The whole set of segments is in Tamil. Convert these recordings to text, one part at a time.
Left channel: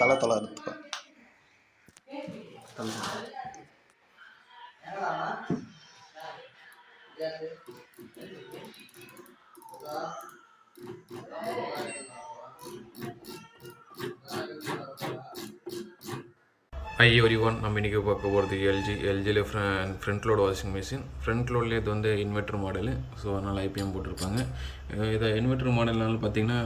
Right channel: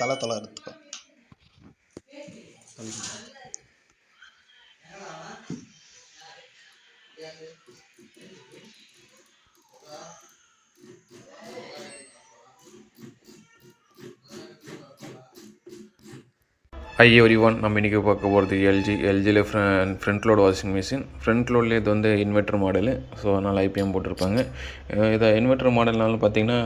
தலை இருக்கு. ஹை எவ்ரி ஒன், நம்ம இன்றைக்கி பார்க்க போகிறது எல்ஜியில் front load washing machine. Front லோட்லேயே இது வந்து இன்வெர்ட்டர் மாடலு. ஸோ அதனால் ஐபிஎம் போட்டிருப்பாங்க. இதை இன்வெர்ட்டர் மாடல்னாலும் பார்த்திங்கன்னா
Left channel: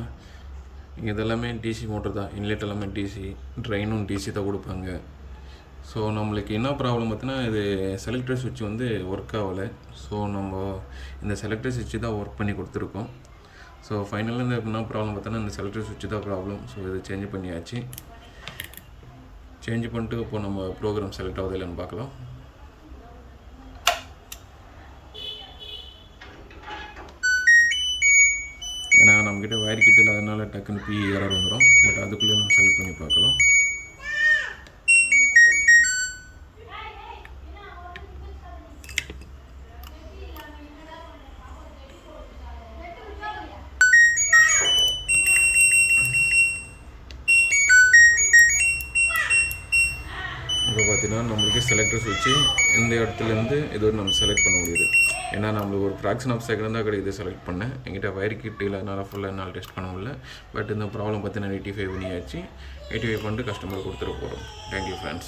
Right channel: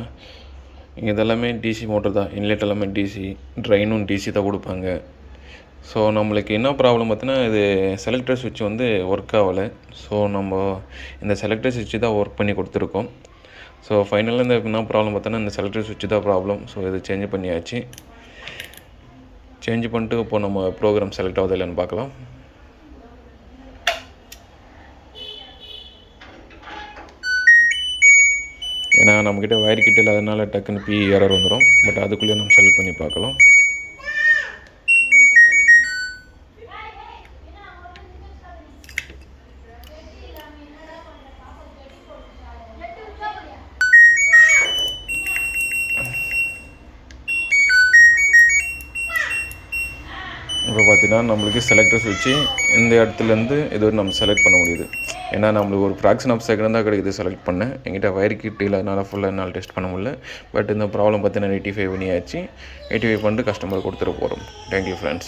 இதெல்லாமே டிசி மோட்டர் தான். இன்லெட் எல்லாமே டிசி, ட்ரைனும் டிசி தான் கொடுப்பாங்க. ஸோ நம்மளுக்கு என்ன ப்ராப்ளம் பார்த்தீங்கன்னா, இது செலக்டர் சுவிட்ச் வந்து ஒர்க் ஆகலை. ஸோ நம்ம இந்த செலக்டர் சுவிட்சு தான் ஒர்க் பண்ணி கொடுத்துருக்கோம். ஸோ ஃபைனலாக இந்த என்ன ப்ராப்ளம் பார்த்தோன்னா, இந்த செலக்டர் சுவிட்சு தான் ப்ராப்ளம். ஸோ இதை சேஞ்ச் பண்ணியாச்சு. சேஞ்ச் பண்ணிட்டு இப்போ நம்ம ப்ரோக்ராம் செலக்ட் ஆகுது இல்லைன்னு பார்க்கலாம். ஏன்னா நம்மக்கிட்ட வயர் கிட்ட இல்லாதனால டக்குன்னு பி எரர் வந்துடும். பட் அதுக்குள்ளே நம்ம செலக்ட் பண்ணி பார்க்கலாம். இப்போ பார்த்தீங்கன்னா நம்மளுக்கு செலக்டர் சுவிட்சு இந்த இடத்துலேருந்து இது நம்ம செலக்ட் பண்ண முடியுது. ஏன்னா நம்மளுக்கு ஒரு ஃப்ராக்ஷன் ஆஃப் செகண்ட் தான் கிடைக்குது செலக்ட் பண்ணேன். என்கிட்ட வயர் கிட் இல்லாதனால ஃபுல்லாக என்னால் டெஸ்ட் பண்ண முடியல. பட் இந்த ப்ராப்ளம் பார்த்தீங்கன்னா 85 பண்ணியாச்சு. 85 பண்ணிட்டு கஸ்டமர் கொடுத்துட்டு போகிறோம். Thank you friends.